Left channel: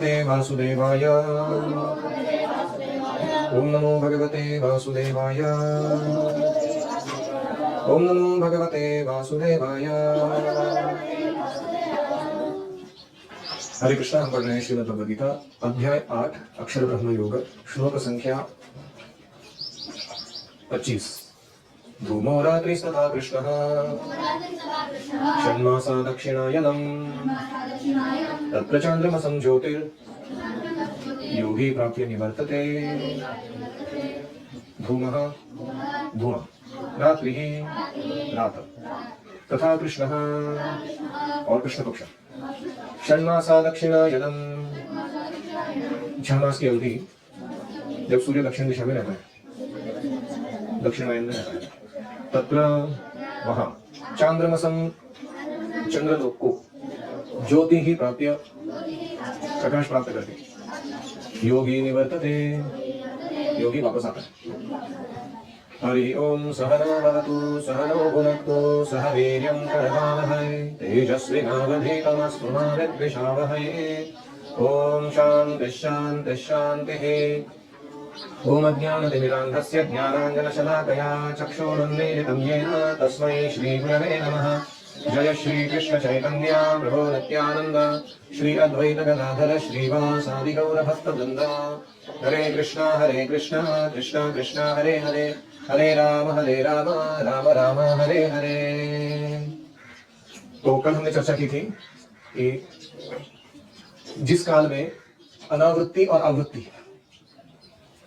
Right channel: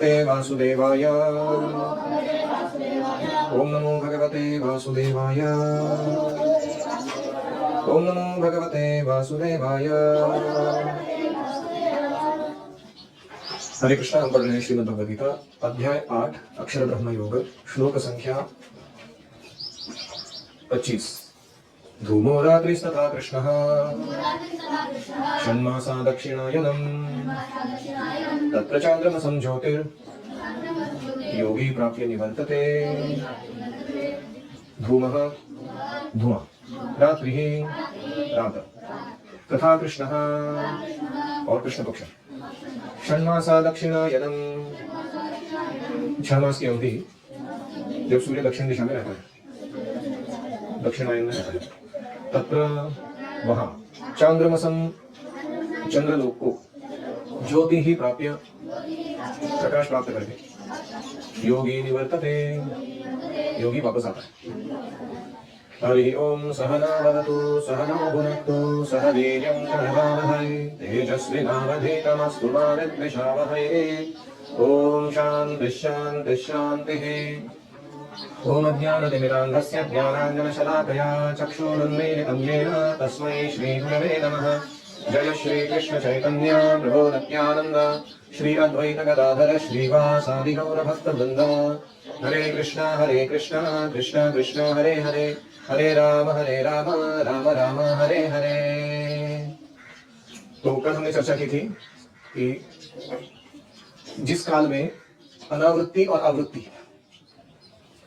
वासुदेवाय। ओम नमो भगवते वासुदेवाय। ओम नमो भगवते वासुदेवाय। हरे कृष्णा। हम पढ़ रहे हैं श्रीमद् भगवद गीता अध्याय 8 अक्षर ब्रह्म योग श्लोक संख्या 25। धूमो रात्रिस्तथा कृष्णः षण्मासा दक्षिणायनम् तत्र चान्द्रमसं ज्योतिर्योगी प्राप्य निवर्तते। धूमः धुआं, रात्रिः रात, तथा कृष्णः और कृष्ण पक्ष। षण्मासा दक्षिणायनम्, 6 मास की अवधि जब सूर्य दक्षिण दिशा में रहता है, दक्षिणायन में रहता है। तत्र वहां चांद्रमसम, चंद्रलोक को ज्योति ही प्राप्य, प्रकाश प्राप्त करके योगी निवर्तते, योगी वापस आता है। हरि ओम सहना भवतु सहनौ भुनक्तु सह वीर्यं करवावहै तेजस्विनावधीतमस्तु मा विद्विषावहै। ओम शान्तिः शान्तिः शान्तिः। ओम अज्ञानतिमिरान्धस्य ज्ञानाञ्जनशलाकया चक्षुरुन्मीलितं येन तस्मै श्रीगुरवे नमः। जय श्री कृष्ण चैतन्य प्रभो नित्यानंद श्री अद्वैत गदाधर श्रीवासादि गौर भक्तवृंद। हरे कृष्णा कृष्ण कृष्ण हरे हरे, हरे राम राम राम हरे हरे। तो कल हमने चर्चा की थी कि जिस काल में अनावृत्ति और आवृत्ति,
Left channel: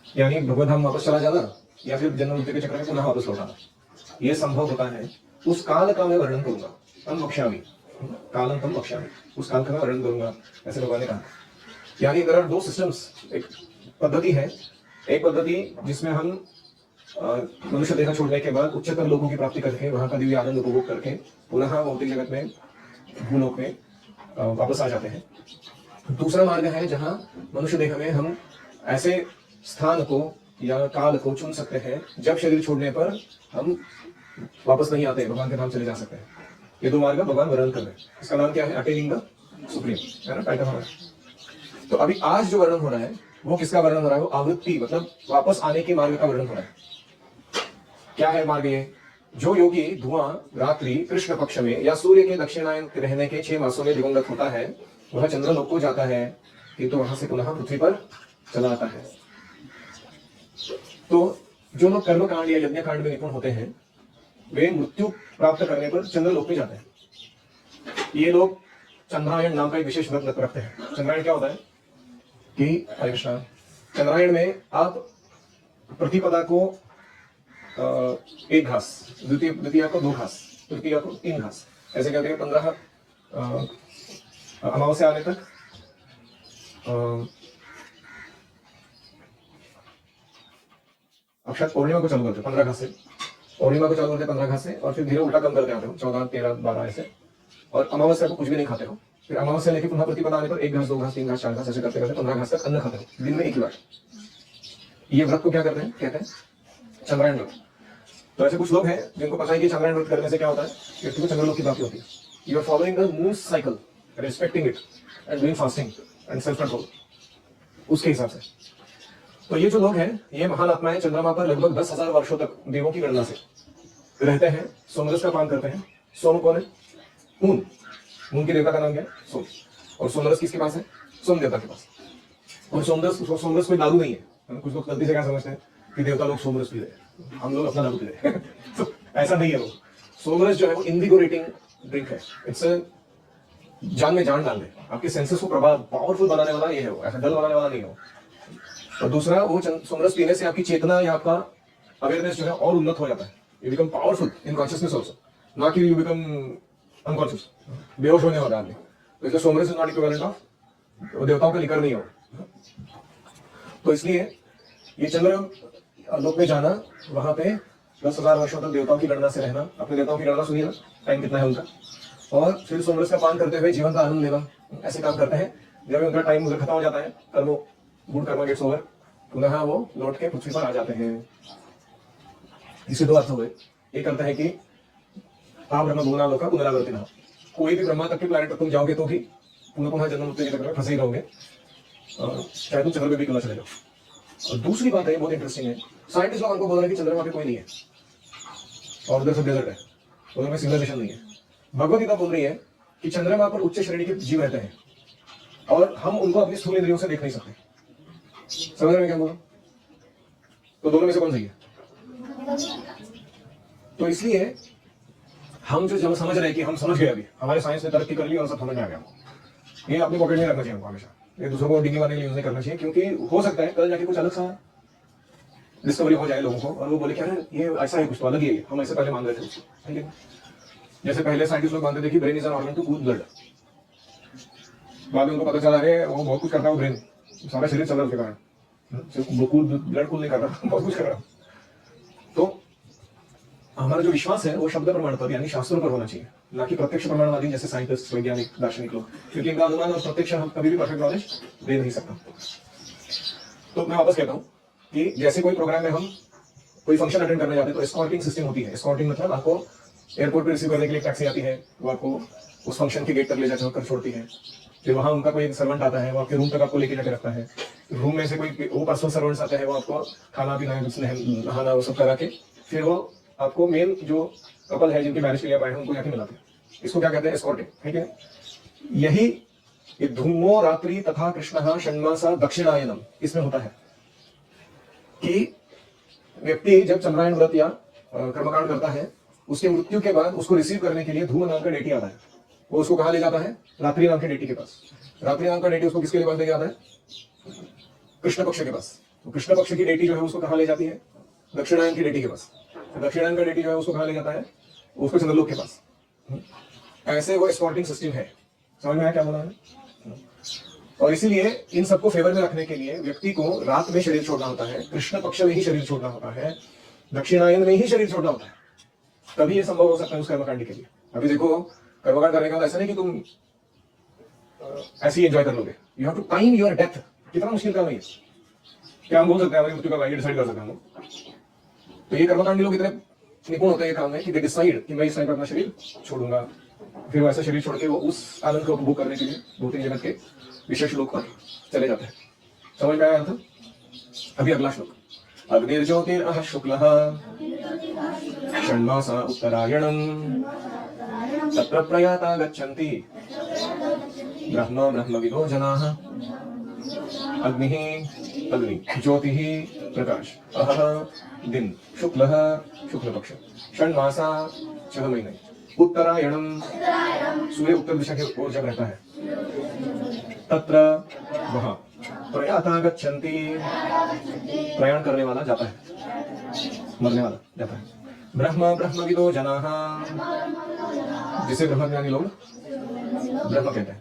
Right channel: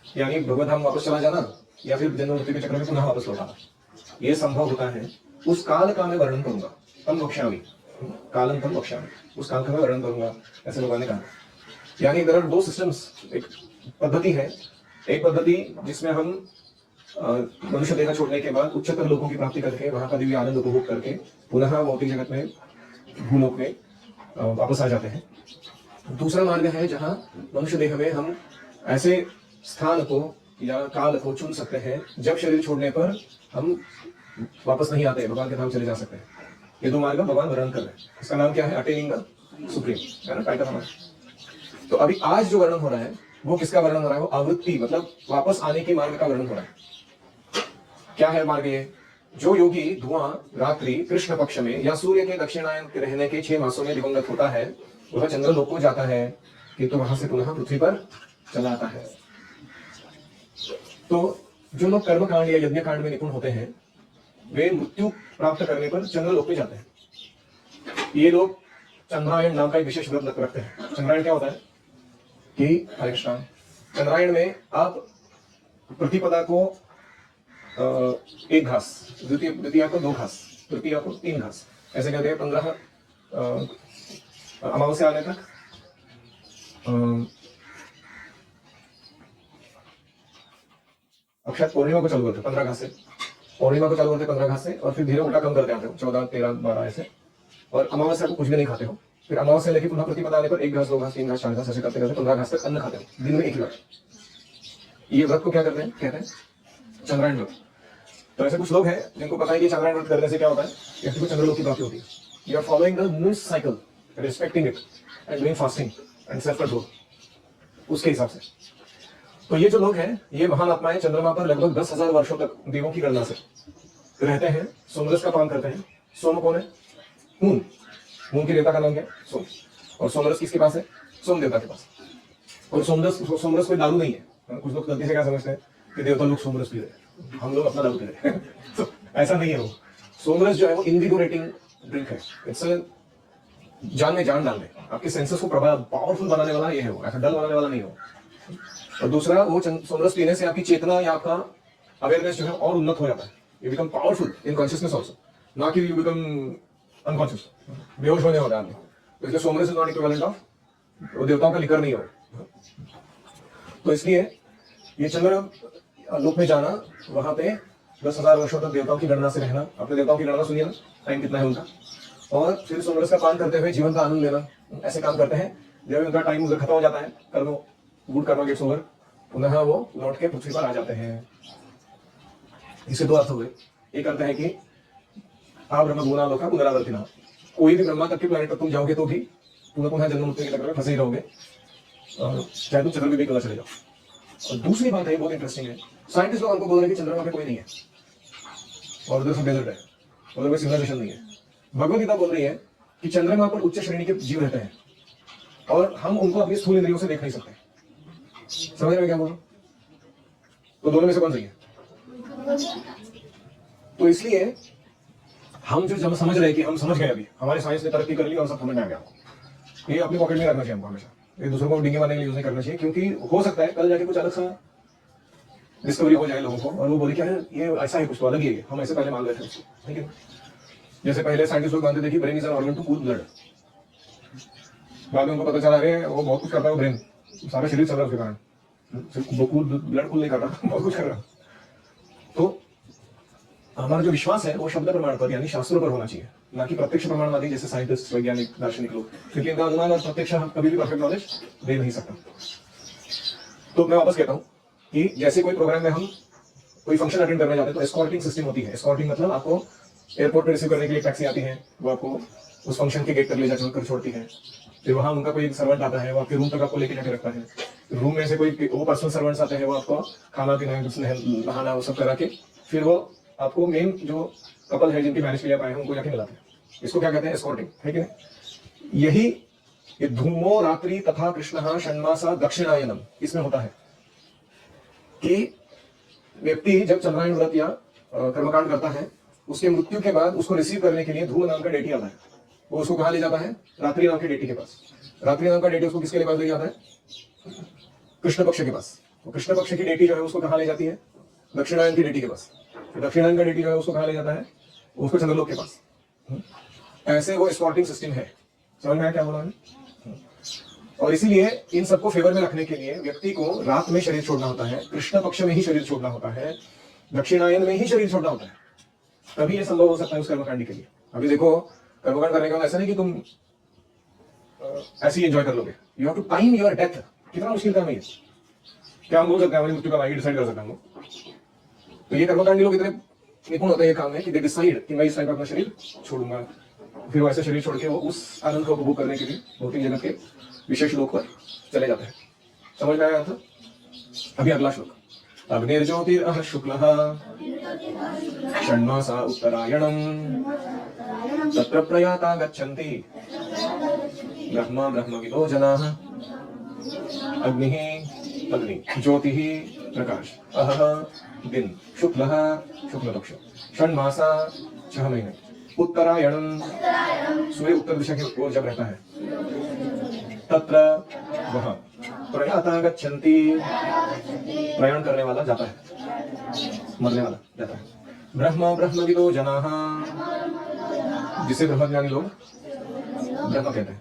यानी भगवत धाम वापस चला जाना या फिर जन्म मृत्यु के चक्र में पुनः वापस लौटाना, यह संभव होता है, उस काल का मैं वर्णन करूंगा। तम वक्ष्यामि, कालम तम वक्ष्यामि, उस काल का मैं वर्णन करूंगा, ऐसे भगवान ने कहा। यानी देयर आर 2 सिस्टम्स। एक पद्धति है, एक पद्धति जिसमें हम मनुष्य देह छोड़ने के बाद उच्चतर लोगों की प्राप्ति करके वहां का दिव्य आनंद उपभोग करके पुनः भौतिक जगत में भूलोक में वापस आ जाते हैं। दूसरा मार्ग है जहां मनुष्य देह में हम ऐसे स्थान को या काल को चुन सकते हैं जब शरीर छोड़ने पर हम वापस नहीं आते, भगवान के धाम चले जा सकते हैं। ये 2 मार्ग भगवान वर्णन कर रहे हैं। इसका नाम क्या है? अटेनिंग द सुप्रीम, है ना, टाइटल हमारा। तो अभी आज जो वर्णन हो रहा है वो किसका वर्णन हो रहा है? वो आवृत्ति, मतलब वापस आने के मार्ग का वर्णन हो रहा है। क्या है मार्ग ये? जो योगी धुआं रात्रि कृष्ण पक्ष में या सूर्य के दक्षिणायन के रहने के 6 मासों में दिवंगत होता है, वह चंद्रलोक को जाता है कि तो वहां से पुनः पृथ्वी पर चला आता है। तो जो लोग कर्म कांड या यज्ञ कांड में निपुण होते हैं वे मृत्यु प्राप्त करने पर चंद्रलोक में जाते हैं। ये लोग चंद्रायण नाम का एक विशेष व्रत रखते हैं। चंद्रायण क्या होता है कि हरिष्ण चंद्रायण में आप प्रतिपदा को 1 घास, द्वितीया को 2 घास, तृतीया को 3 घास, ऐसे कहते हैं। 15 अमावस्या आने तक अब शायद पूर्णिमा को चालू करते 15 घास से, पूर्णिमा को चालू करते 15 घास से, और फिर धीरे उल्टा कम करते आते हो 14, 13, 12 ऐसे, और अमावस्या को कुछ भी नहीं खाते हो। फिर अमावस्या लेके पुनः प्रतिपदा आने पर 1 घास, 2 घास, 3 घास, 4 घास ऐसे करते करते 15 घास तक अन्न खाते हो दिन में 1 ही बार। ये व्रत को क्या करते हैं? कहते हैं चंद्रायण व्रत। तो ऐसे कुछ लोग हैं जिनको पता है कि चंद्रायण व्रत करने से क्या होता है, व्यक्ति को चंद्रलोक की प्राप्ति होती है। You are following the moon cycle, respecting it and doing fasting and self control, उसके हिसाब से। तो ये जो लोग हैं ये महान आत्माएं चंद्रमा पर लगभग 10,000 वर्षों तक देवों की गणना से रहते हैं, सोमरस का काम करते हैं। सोम कौन है? मून। मून के देवता का नाम क्या है? सोम। और सोमरस किसके पास है? सोम देवता के पास। और सोमरस कोई दारू नहीं है। कुछ लोग गलती से क्या समझते हैं कि देवता लोग सोमरस पी रहे हैं, हम लोग अपना दारू पी रहे हैं। तो ऐसा नहीं है। वो सोमरस जो है वो इनविगोरेटिंग ड्रिंक है। इट्स जान में जान डाल दे, आपके सेंसेस को पावरफुल बनाने वाला ये है, वो ऐसा डल बनाने वाला नहीं हो। और दूसरा, वो सोमरस पीने से आपकी चेतना या आपका अवेयरनेस जो है और उन्नत हो जाता है। You become powerful in consciousness also, ना कि यू बिकम अनकॉन्शियस, बेहोश होने वाला आदमी। तो इसलिए सोमरस इज नॉट इक्विवेलेंट ऑफ, वो देवताओं का लिकर नहीं हो। तो इसलिए ये चंद्र लोक में जाना, वहां पे 10,000 वर्षों तक देवताओं की गणना से रहना। अपने देवताओं की गणना सुनिए ना, टाइम कितना है उनका। और फिर सोमरस का पान करते हुए जीवन का आनंद लेना, ऐसे काम करते हैं। जब उनका टाइम खत्म हो जाता है, कर्म गुड कर्म गेट्स ओवर, पुनः वो लौट के पृथ्वी पर आ जाते हैं। इससे 2 अर्थ हो गए। एक अर्थ है कि आप ब्रह्म भूना लोका पुनरावर्तिना, कोई भी ब्रह्मा तक के प्लैनेट पर तुम जाओगे तो भी पुनः जन्म मृत्यु के चक्कर में फंसे ही रहोगे। चाहे तुम चंद्रमा पे भी क्यों ना चले जाओ। और दूसरी बात है, बहुत इंटरेस्टिंग है, साइंटिस्ट लोग हमको बोल रहे हैं कि चंद्रमा पे कोई नहीं है और उधर सब डेजर्ट है, उधर कोई सिविलाइजेशन नहीं है। भगवत गीता बोल रही है कि चंद्रमा पर उच्च श्रेणी के जीव रहते हैं और हम उनको अपनी स्थूल इंद्रियों से देख नहीं सकते। समझ में क्या बोला? तो दोनों में से कौन सही है? तो इसलिए हम जो जब समझ रहे हैं कि हम समझ गए, अभी हमारे साइंस ने तरक्की कर ली और सब समझ में आ गया, ये अपने पॉकेट में रखना चाहिए हमको हमेशा, ये दूसरों को डिंगे मारने के लिए यूज नहीं करना चाहिए, क्योंकि हो सकता है कल जाके कुछ अलग सा डिस्कवरी हो जाए लोगों को और वो बोले क्या है ये ऐसा है, कुछ तो अलग ही है, हम ऐसे पहले मान रहे थे उसको। जैसे पहले साइंटिस्ट लोग मानते थे कि brain is an organ to cool blood, बाद में उनको पता चला अरे वो बहुत कुछ करता है वो ब्रेन, सारा शरीर चल रहा है उसके कारण, सिर्फ कूल ब्लड कूल नहीं कर रहा, बहुत कुछ कर रहा। तो हमारा जो विश्वास है वो शब्द प्रमाण पर यानी शास्त्रों पर होना चाहिए, ना कि प्रत्यक्ष प्रमाणवादी जैसे साइंटिस्ट, वैज्ञानिक, दार्शनिक लोग, क्योंकि इनका अनुमान और प्रत्यक्ष हम कभी भी परफेक्ट नॉलेज दे नहीं सकता। तो मैं वापस कहता हूँ कि जैसे कोई प्रोग्राम में हम कोई फंक्शन अटेंड करने जाते हैं तो एस्कॉर्टिंग सिस्टम होती है। एस्कॉर्टिंग मतलब आपको एयरपोर्ट पर रिसीव करने के लिए टैक्सी आती है, वो आपको उस फंक्शन के गेट तक ले जाकर छोड़ती है, फिर वहां उनका कोई एक सर्वेंट आता है, वो आपके रूम तक आपको लेके जाके रखता है, रूम में से कोई वो पर्सनल सर्वेंट्स आते हैं, वो आपको खाना पीना नहाना वो सब करा के फिर वो आपको मेन जो कपल है जिनकी मैरिज के लिए आए हैं उनको जाके मिलाते हैं। इसको क्या कहते हैं? एस्कॉर्टिंग, है कि नहीं? यही ये धूमो रात्रि तथा कृष्ण षण्मासा दक्षिणायनम इसमें होता है कि व्यक्ति जब चंद्रायन व्रत या कर्मकांड करता है, उसके मृत्यु के बाद उसको रिसीव करने के लिए धूम नाम का डेटी आता है, वो उसको कहाँ ले जाता है? रात्रि नाम की डेटी के पास। रात्रि नाम का डेटी उसको किसके पास ले जाता है? कृष्ण पक्ष के पास। तो कृष्ण पक्ष की डेटी जो है उसको कहाँ ले जाती है? दक्षिणायन की डेटी के पास। दक्षिणायन का डेटी जो है उसको कहाँ ले जाता है? उसको चंद्रलोक के पास। ऐसे वो एस्कॉर्टिंग सिस्टम है। समझ में आया क्या बोला मैंने? और इसीलिए इन सबको फेवर में रखने के लिए व्यक्ति को रात में शरीर छोड़ना होता है, कृष्ण पक्ष में ही शरीर छोड़ना होता है, दक्षिणायन में ही शरीर छोड़ना होता है, तभी ये संभव हो सकता है उस कर्मकांड के लिए। अभी देखो, कर्मकांड करने का ऐसा नहीं कि तुम ऐसे ही एंजॉय कर लोगे, you have to time your death. कितना मुश्किल काम है ये, क्या हम बोल सकते हैं हमारी मृत्यु का भाई डिसाइड कर सकते हैं हम लोग? तो ये कर्मकांडी लोग इतने निपुण होते हैं ये काम में कि दे डिसाइड कि मैं इस टाइम पर अपना शरीर छोड़ूंगा, फिर वो ऐसे शरीर छोड़ के वो उस आनंद को उपभोग करने के लिए भौतिक जगत के विशेष लोक पर चले जाते हैं। समझ में आया था? अभी अगला श्लोक, अग्निर्ज्योतिरः शुक्लः षण्मासा उत्तरायणम् तत्र प्रयाता गच्छन्ति ब्रह्म ब्रह्मविदो जनाः। अग्निः अग्नि, ज्योतिः प्रकाश, अहः दिन, शुक्लः शुक्ल पक्ष, षण्मासा 6 महीने, उत्तरायणम सूर्य उत्तर दिशा की ओर जब रहता है, तत्र वह प्रयाता गच्छन्ति प्रयाण करने वाला जाता है, मरने वाला जाता है, ब्रह्म ब्रह्मविदो जनाः जिसे ब्रह्मज्ञानी लोग ब्रह्म कहते हैं।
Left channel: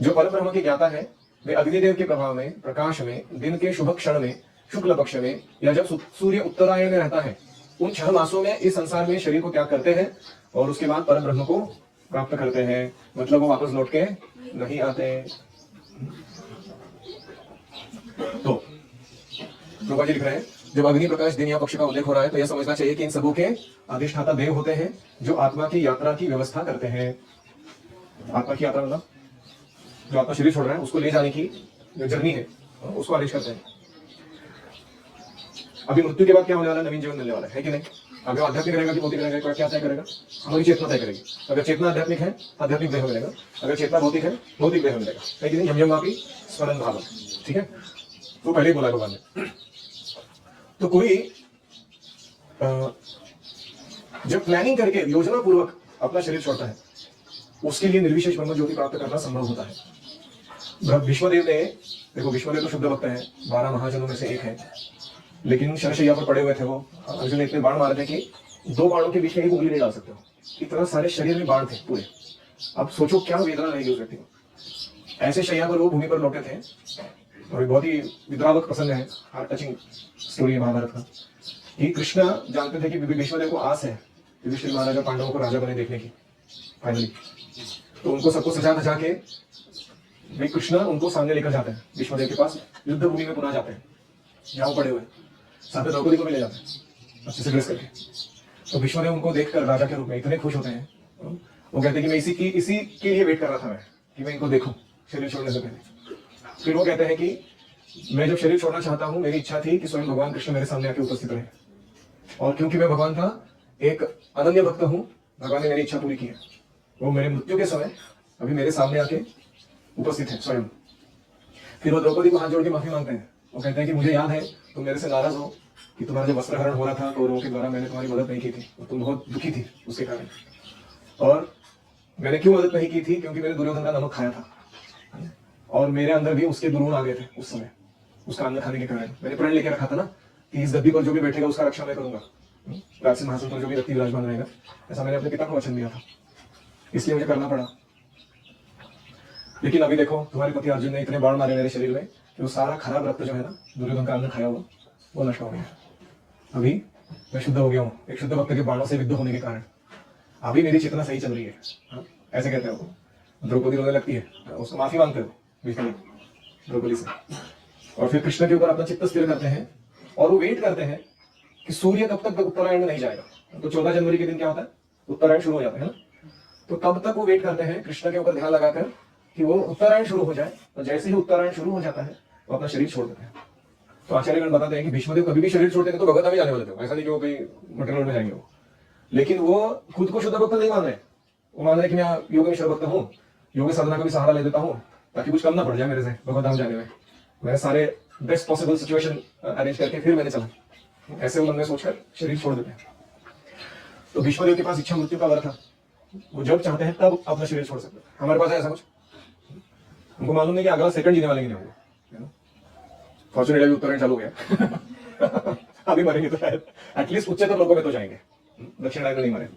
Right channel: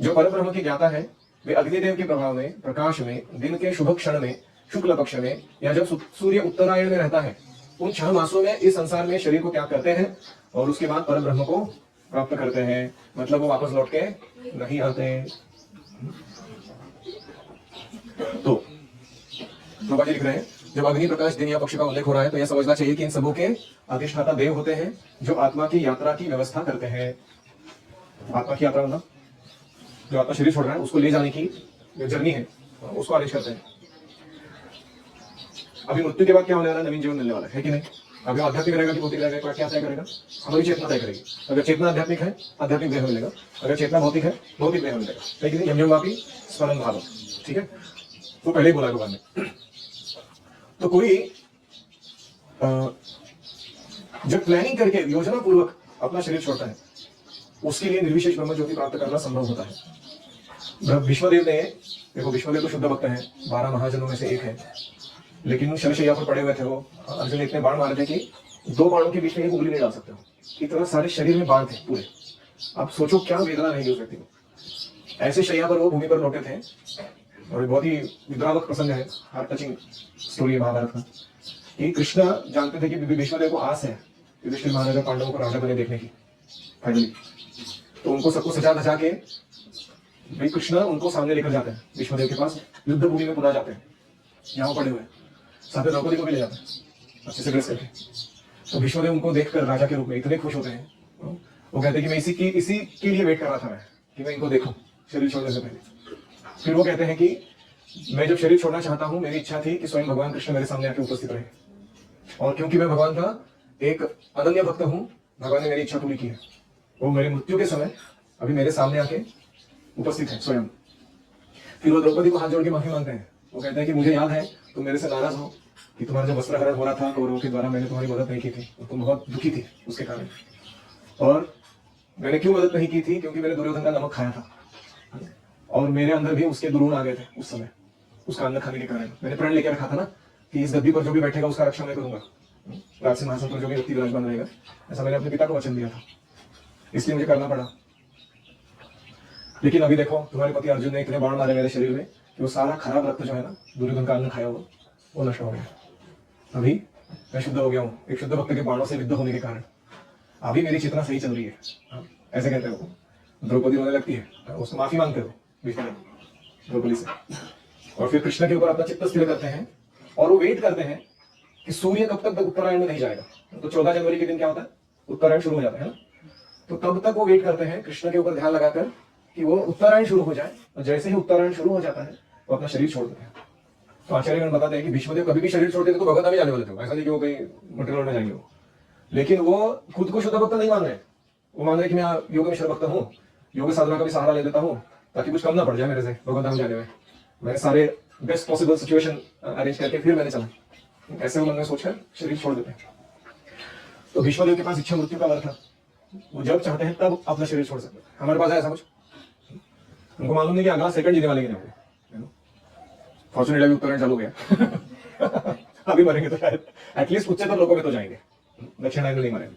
जो परम ब्रह्म के ज्ञाता है वे अग्निदेव के प्रभाव में, प्रकाश में, दिन के शुभ क्षण में, शुक्ल पक्ष में या जब सूर्य उत्तरायण में रहता है, उन 6 मासों में इस संसार में शरीर को त्याग करते हैं और उसके बाद परम ब्रह्म को प्राप्त करते हैं। मतलब वो वापस लौट के नहीं आते। तो प्रभा जी लिख रहे हैं, जब अग्नि प्रकाश दिन या पक्ष का उल्लेख हो रहा है तो यह समझना चाहिए कि इन सबों के अधिष्ठाता देव होते हैं जो आत्मा की यात्रा की व्यवस्था करते हैं। आत्मा की यात्रा मतलब जो आत्मा शरीर छोड़ रहा है उसको ले जाने की जो जर्नी है उसको आदेश करते हैं। अभी मृत्यु के बाद क्या होने वाला है? नवीन जीवन मिलने वाला है कि नहीं? अभी आध्यात्मिक रहेगा कि भौतिक रहेगा, क्या तय करेगा? हमारी चेतना तय करेगी। अगर चेतना आध्यात्मिक है, आध्यात्मिक देह मिलेगा, अगर चेतना भौतिक है, भौतिक देह मिलेगा। लेकिन यमयमापी स्मरण भाव, ठीक है? तो पहले ही बोला भगवान ने। तो कोई जब प्लानिंग करके योजना पूर्वक अपना शरीर छोड़ता है उसके लिए निर्विशेष ब्रह्म ज्योति प्राप्त करना संभव होता है। भीष्मदेव ने, देखो भीष्मदेव तो शुद्ध भक्त हैं, 12 महाजनों में से एक है, लेकिन शरशैया पर पड़े हुए थे वो। अर्जुन ने इतने बाण मारे थे कि 2 बाणों के बीच में एक उंगली नहीं डाल सकते हो, इतना सारे शरीर में बाण थे पूरे। अब सोचो क्या वेदना रहेगी उस व्यक्ति को। ऐसे शैया पर वो भूमि पर लौटे थे और बहुत ही विद्रावक प्रसंग है, हार्ट टचिंग स्टोरी है महाभारत का, कि कृष्ण जानते थे कि भीष्मदेव को आस है युधिष्ठिर महाराजा पांडवों को राजा बने देखने की फाइनली। तो उनको सबको सजा धजा के भाई कृष्ण उनको सामने लेकर जाते हैं भीष्मदेव के पास, युद्ध भूमि में पुनः जाते हैं जहाँ पड़े हुए, साथ में द्रौपदी को भी ले जाते हैं अच्छे से ड्रेस करके। तो भीष्मदेव उनको देखकर राजा के रूप में इतने खुश होते हैं, वो कहते हैं कि मैं इसी के लिए वेट कर रहा था मैं, कि मैं इनको देखूं शरीर छोड़ने से पहले। फिर वो कहते हैं कि मैं जब शरीर छोड़ना चाहता हूँ, मेरी इच्छा थी कि स्वयं भगवान कृष्ण मेरे सामने आके उपस्थित रहे, और क्योंकि मैं भगवान था, एक अनन्य भक्त हूँ, भगवान ने मेरी इच्छा पूरी की है। वो मेरी मृत्यु के समय अभी मेरे सामने आके उपस्थित है स्वयं। फिर वो द्रौपदी को हाथ जोड़ के माफी मांगते हैं। वो कहते हैं कि मुझे याद है तुम मेरे से नाराज हो कि तुम्हारा जो वस्त्रहरण हो रहा था कौरवों के द्वारा, मैंने तुम्हारी मदद नहीं की थी, तुम बहुत दुखी थी उसके कारण। और मैंने क्यों मदद नहीं की थी? क्योंकि मैंने दुर्योधन का नमक खाया था, और मेरे अंदर भी उसके दुर्गुण आ गए थे उस समय, उसका अन्न खाने के कारण। मैंने प्रण लेकर रखा था ना कि इस गद्दी पर जो भी बैठेगा उसका रक्षा मैं करूंगा, राज सिंहासन पर जो भी व्यक्ति विराजमान रहेगा, ऐसा मैंने अपने पिता को वचन दिया था, इसलिए मुझे करना पड़ा। लेकिन अभी देखो, तुम्हारे पति अर्जुन ने इतने बाण मारे मेरे शरीर में कि वो सारा खराब रक्त जो है ना, दुर्योधन का अन्न खाया वो नष्ट हो गया। अभी मैं शुद्ध हो गया हूँ एक शुद्ध भक्त के बाणों से विद्ध होने के कारण। अभी मेरी चेतना सही चल रही है, ऐसे कहते हो। द्रौपदी रोने लगती है, उसको माफी मांगते हो द्रौपदी से, और फिर कृष्ण के ऊपर अपना चित्त स्थिर करते हैं, और वो वेट करते हैं कि सूर्य कब तक उत्तरायण में नहीं जाएगा। तो 14 जनवरी के दिन क्या होता है? उत्तरायण शुरू हो जाता है ना। तो तब तक वो वेट करते हैं कृष्ण के ऊपर ध्यान लगाकर कि वो उत्तरायण शुरू हो जाए, और जैसे ही उत्तरायण शुरू हो जाता है वो अपना शरीर छोड़ देते हैं। तो आचार्यगण बताते हैं कि भीष्मदेव कभी भी शरीर छोड़ते थे तो भगवत धाम ही जाने वाले थे, ऐसा नहीं कि वो कोई मटेरियल में जाएंगे। लेकिन वो खुद को शुद्ध भक्त नहीं मान रहे, वो मान रहे कि मैं योग में शरभक्त हूँ, योग साधना का भी सहारा ले देता हूँ ताकि कुछ कम ना पड़ जाए मेरे से भगवत धाम जाने में। मैंने सारे बेस्ट पॉसिबल सिचुएशन अरेंज करके फिर मैंने चला, ऐसे मन में सोचकर शरीर छोड़ देते हैं। तो भीष्मदेव के पास इच्छा मृत्यु का वर था, वो जब चाहते हैं तब अपना शरीर छोड़ सकते हैं। हमारे पास है ऐसा कुछ? उनको मालूम नहीं कि अगला सेकंड जीने वाले की नहीं होंगे। फॉर्चुनेटली उत्तरायण चालू हो गया अभी मरेंगे तो शायद एटलीस्ट उच्चतर लोगों में तो जाएंगे, दक्षिणायन में नहीं मरेंगे।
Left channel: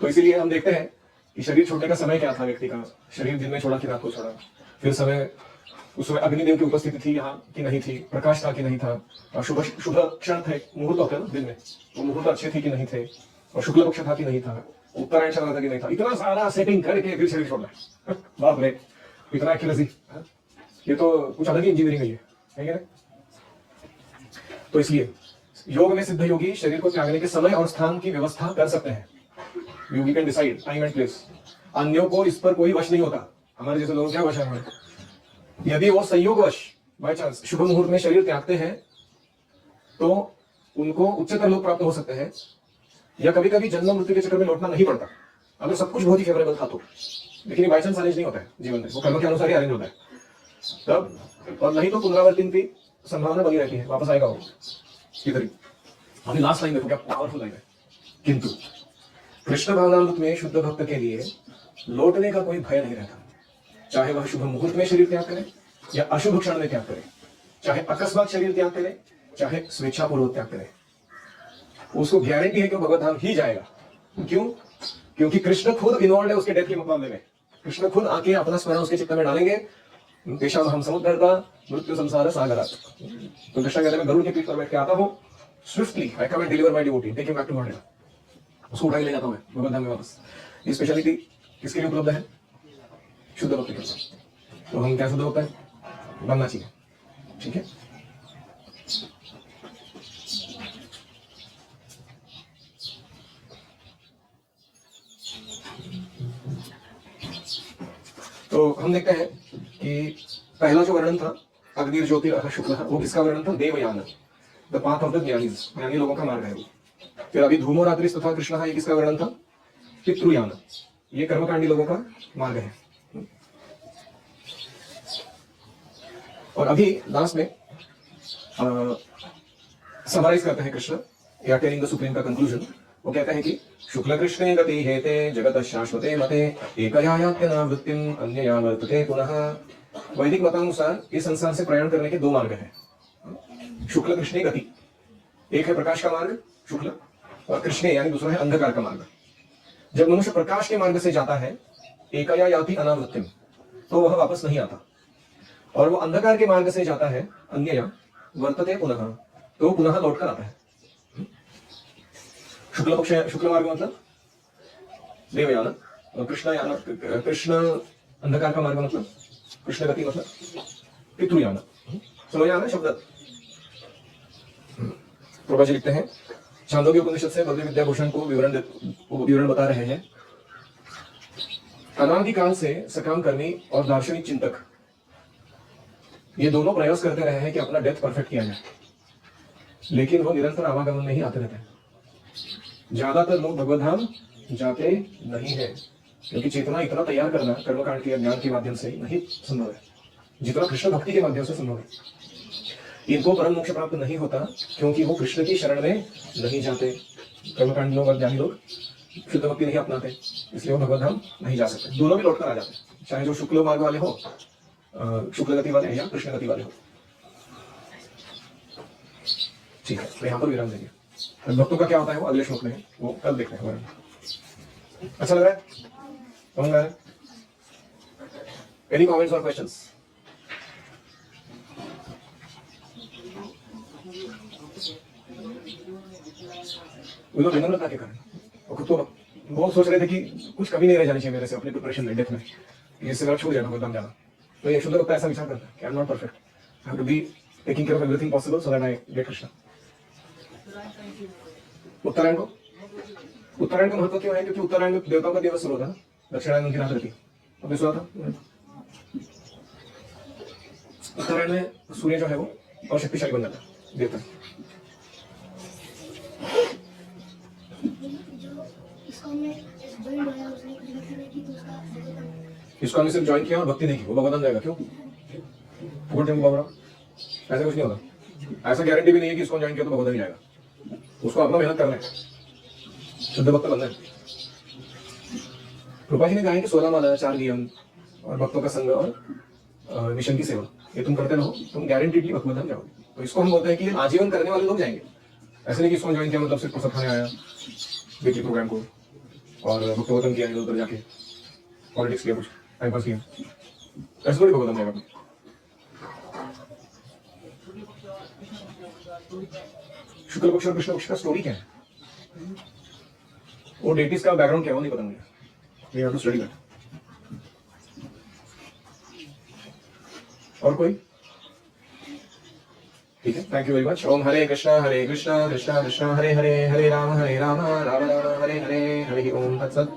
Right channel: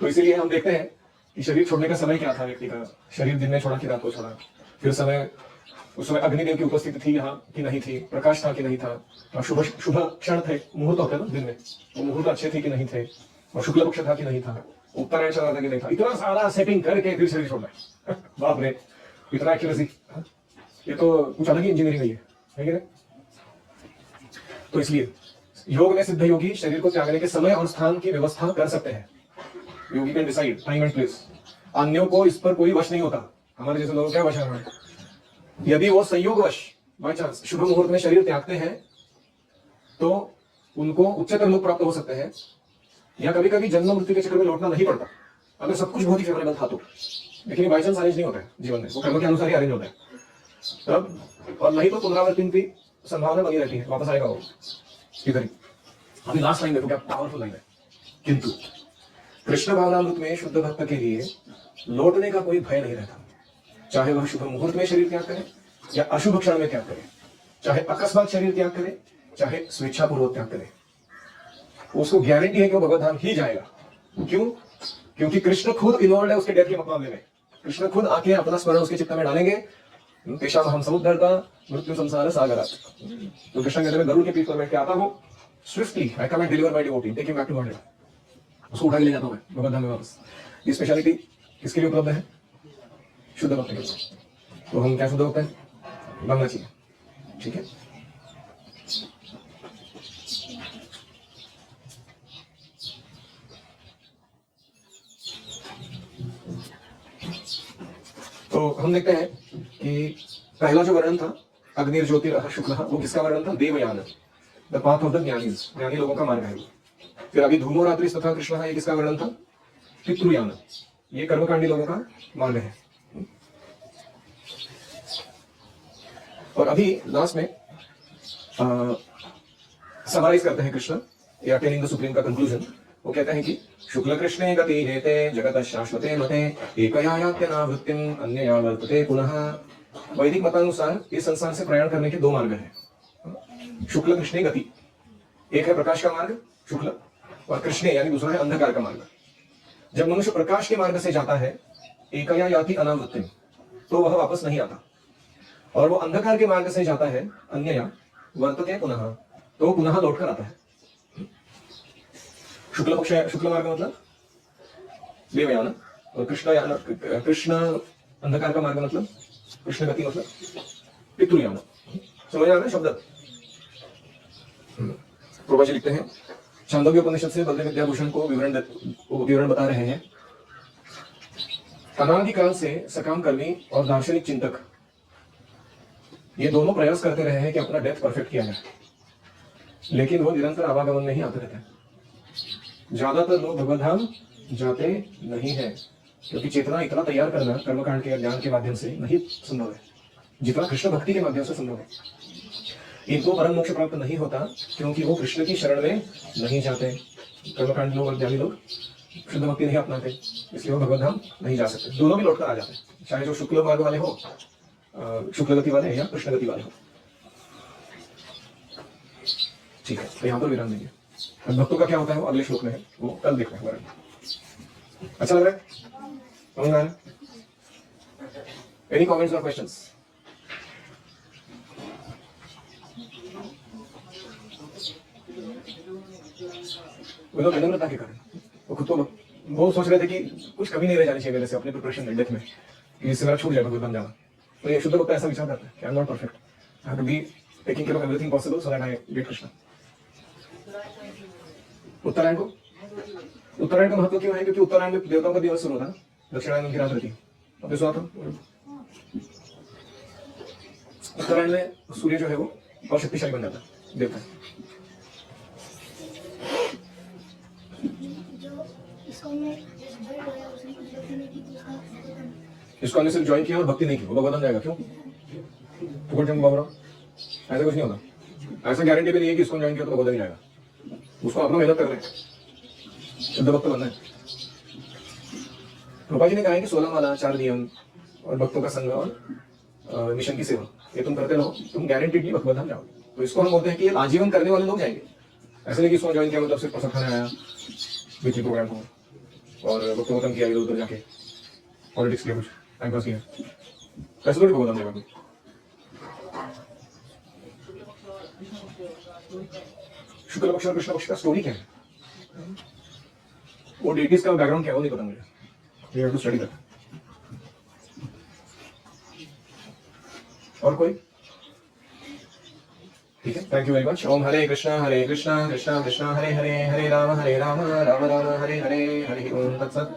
तो इसीलिए हम देखते हैं कि शरीर छोड़ने का समय क्या था व्यक्ति का। शरीर दिन में छोड़ा कि रात को छोड़ा, फिर समय, उस समय अग्निदेव की उपस्थिति थी यहाँ कि नहीं थी, प्रकाश था कि नहीं था, शुभ शुभ क्षण थे, मुहूर्त होता है ना दिन में, वो मुहूर्त अच्छे थे कि नहीं थे, और शुक्ल पक्ष था कि नहीं था, उत्तरायण चल रहा था कि नहीं था। इतना सारा सेटिंग करके फिर शरीर छोड़ना बाप रे, इतना एक्यूरेसी, ये तो कुछ अलग ही इंजीनियरिंग है कि नहीं? तो इसलिए योग में सिद्ध योगी शरीर को त्यागने के समय और स्थान की व्यवस्था कर सकते हैं। Yogi can decide time and place, अन्यों को इस पर कोई वश नहीं होता। हमारे जैसे लोग क्या वश है? यदि वो संयोगवश बाय चांस शुभ मुहूर्त में शरीर त्यागते हैं तो उनको उच्चतर लोग प्राप्त हो सकते हैं, या कभी कभी जन्म मृत्यु के चक्कर में लौटना नहीं पड़ता अगर सब कुछ बहुत ही फेवरेबल था तो। लेकिन बाय चांस अरेंज नहीं होता है जीवन में, वो कर्म के अनुसार ही अरेंज होता है तब, और नहीं तो पुनरावर्तन की संभावना बनी रहती है, वापस आएगा वो इधर ही। अभी लास्ट लाइन देखो क्या पावरफुल लाइन है। किंतु कृष्ण भावनामृत में शुद्ध भक्त के लिए लौटने का कोई भय नहीं रहता, चाहे वह शुभ मुहूर्त में शरीर त्याग करे या अशुभ क्षण में त्याग करे, चाहे अकस्मात शरीर त्याग करे चाहे स्वेच्छापूर्वक त्याग करे, उसको गारंटी है कि वो भगवत धाम ही जाएगा। क्यों? क्योंकि कृष्ण खुद इन्वॉल्व है उसके डेथ के मामले में। कृष्ण खुद आके अपना स्मरण उसके चित्त में डालेंगे, देशाम हम समुद्र मृत्यु संसार सागर। तो कृष्ण कहते हैं गरुड़ के पीठ पर बैठ के आता हूँ, swiftly I come and deliver my devotee, take him back to God, उसको उठा के ले जाता हूँ भगवत धाम में वापस। ये स्पेशलिटी किसके लिए उपलब्ध है? शुद्ध भक्त के लिए। तो हम क्या शुद्ध होते हैं? बनना चाहिए, ठीक है। तो हम देखते हैं कि पहला जो वर्णन था अग्नि ज्योतिर् शुक्ल, वो किसका वर्णन था? Devayana, the path of the jnanis, ज्ञानी लोगों का मार्ग है। फिर अभी धूमो रात्रि तथा कृष्ण, ये किसका वर्णन था? पितृयान, ये कर्मकांडी लोगों का मार्ग है। और अभी लास्ट में समराइज करते हैं कृष्ण या टेलिंग द सुप्रीम का कंक्लूजन। वो कहते हैं कि शुक्ल कृष्णे गति हेते जगत शाश्वते मते एकया यात्यनावृत्तिम अन्यया वर्तते पुनः। वैदिक मतानुसार इस संसार से प्रयाण करने के दो मार्ग हैं। शुक्ल कृष्णे गति, एक है प्रकाश का मार्ग शुक्ल, और कृष्णे यानी दूसरा है अंधकार का मार्ग। जब मनुष्य प्रकाश के मार्ग से जाता है एकया याति अनावृत्तिम, तो वह वापस नहीं आता, और वो अंधकार के मार्ग से जाता है अन्यया वर्तते पुनः, तो पुनः लौटकर आता है। शुक्ल पक्ष, शुक्ल मार्ग मतलब देवयान, और कृष्ण अंधकार का मार्ग मतलब कृष्ण गति मतलब पितृयान। समझ आ रहा है शब्द? प्रभा जी लिखते हैं छांदोग्य उपनिषद से बद्री विद्याभूषण को विवरण बता रहे हैं। अनादिकाल से सकाम कर्मी और दार्शनिक चिंतक ये दोनों प्रयास करते रहे हैं कि अपना डेथ परफेक्ट किया जाए, लेकिन वो निरंतर आवागमन में ही आते रहते हैं। ज्यादातर लोग भगवत धाम जाते नहीं है, क्योंकि चेतना इतना तैयार करना कर्मकांड के ज्ञान के माध्यम से नहीं संभव है जितना कृष्ण भक्ति के माध्यम से संभव है। इनको परम मोक्ष प्राप्त नहीं होता क्योंकि वो कृष्ण की शरण में नहीं जाते। कर्मकांड लोग और ज्ञानी लोग शुद्ध भक्ति नहीं अपनाते, इसलिए वो भगवत धाम नहीं जा सकते। दोनों भी लौट कर आ जाते हैं, चाहे जो शुक्ल मार्ग वाले हो, शुक्ल गति वाले या कृष्ण गति वाले हो। ठीक है, तो यहाँ पर विराम देंगे। भक्तों का क्या होता है वो अगले श्लोक में है, वो कल देखते हैं। अच्छा लग रहा है? समझ में आ रहा है? एनी कमेंट्स और क्वेश्चंस? उन्होंने विनम्रता के कारण वो खुद को वो सोच रहे थे कि कुछ कमी नहीं रह जानी चाहिए मेरे से अपने प्रिपरेशन में, डेथ में, इससे मेरा छूट जाएगा भगवत धाम जाना। तो ये शुद्ध भक्त ऐसा विचार करता है कि I am not perfect, I have to be taking care of everything possible so that I get Krishna. उत्तरायण को महत्व क्यों है? क्योंकि उत्तरायण में देवताओं का दिवस शुरू होता है, दक्षिणायन उनकी रात रहती है। आपने सुना था उत्तरायण में सूर्य जो है वो और शक्तिशाली बन जाता है देवता। इसको हमने सिर्फ ज्वाइन किया और भक्ति नहीं की, वो भगवान जाएगा क्यों? ऐसा कुछ नहीं होगा, ऐसा गारंटी भी नहीं है कि इसको ज्वाइन किया तो भगवान नहीं जाएगा। उसको अपना मेहनत करना है, शुद्ध भक्त बनना है। रूपा जी ने कहा है कि 16 माला, 4 नियम और भक्तों का संग और मिशन की सेवा, ये तुम करते रहो, तुम गारंटीडली भगवत धाम जाओगे। तो इसको हम बोलते हैं कि आजीवन करने वाले लोग जाएंगे। ऐसे नहीं कि इसको ज्वाइन किया मतलब सिर्फ प्रसाद खाने आया वीकली प्रोग्राम को और भक्तों का किया इधर उधर जाके पॉलिटिक्स किया, कुछ टाइम पास किया, ऐसे थोड़ी भगवत धाम जाएगा। शुक्ल पक्ष और कृष्ण पक्ष का स्टोरी क्या है, वो डेटीज का बैकग्राउंड क्या है वो नहीं पता मुझे, you have to study that. और कोई? ठीक है, थैंक यू वेरी मच। ओम हरे कृष्णा कृष्णा कृष्णा हरे हरे, हरे राम राम राम हरे हरे, हरि ओम तत्सत।